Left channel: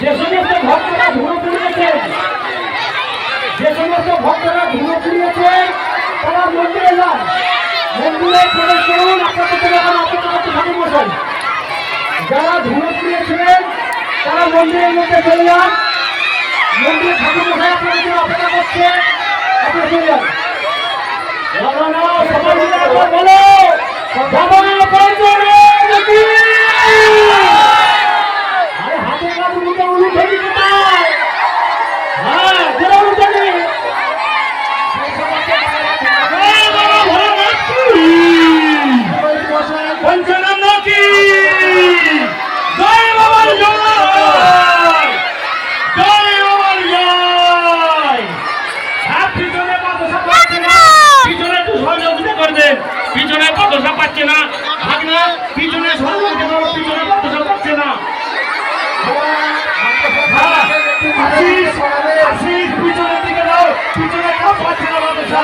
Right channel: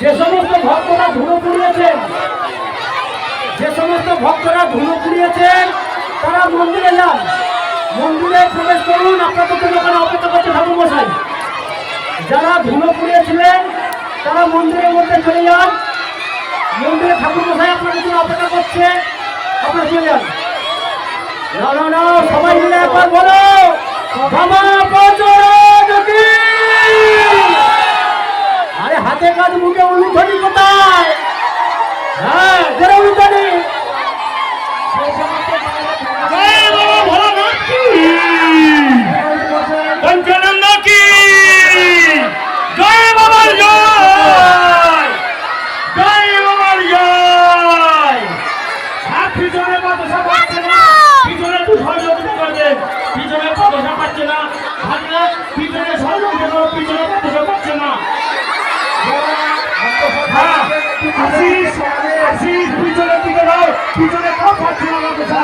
যে সমস্ত ভক্তরা ধুলো পুড়িয়েছেন তারা মন্দিরে যান, মন্দিরে প্রবেশ করুন। আপনাদের জন্য ওখানে অপেক্ষা করতে ঠাকুর মশাই। যারা ধুলো পুড়িয়েছিলেন তারা মন্দিরের মধ্যে চলে যান, মন্দিরে ঠাকুর মশাই আপনাদের জন্য অপেক্ষা করছে, আপনারা চলে যান। সবাই মিলে একবার বলো বাবা বজরঙ্গ কি। আরে হাতে কাজ মুখে উলুধ্বনি কোথায়? হ্যাঁ জোরে উলুধ্বনি। পিছনে পদসা পাচ্ছে না, পিছনে পিছনে পদসা পাচ্ছে না। পিছনের দিকে দাও, পিছনে পাচ্ছে না পদসা।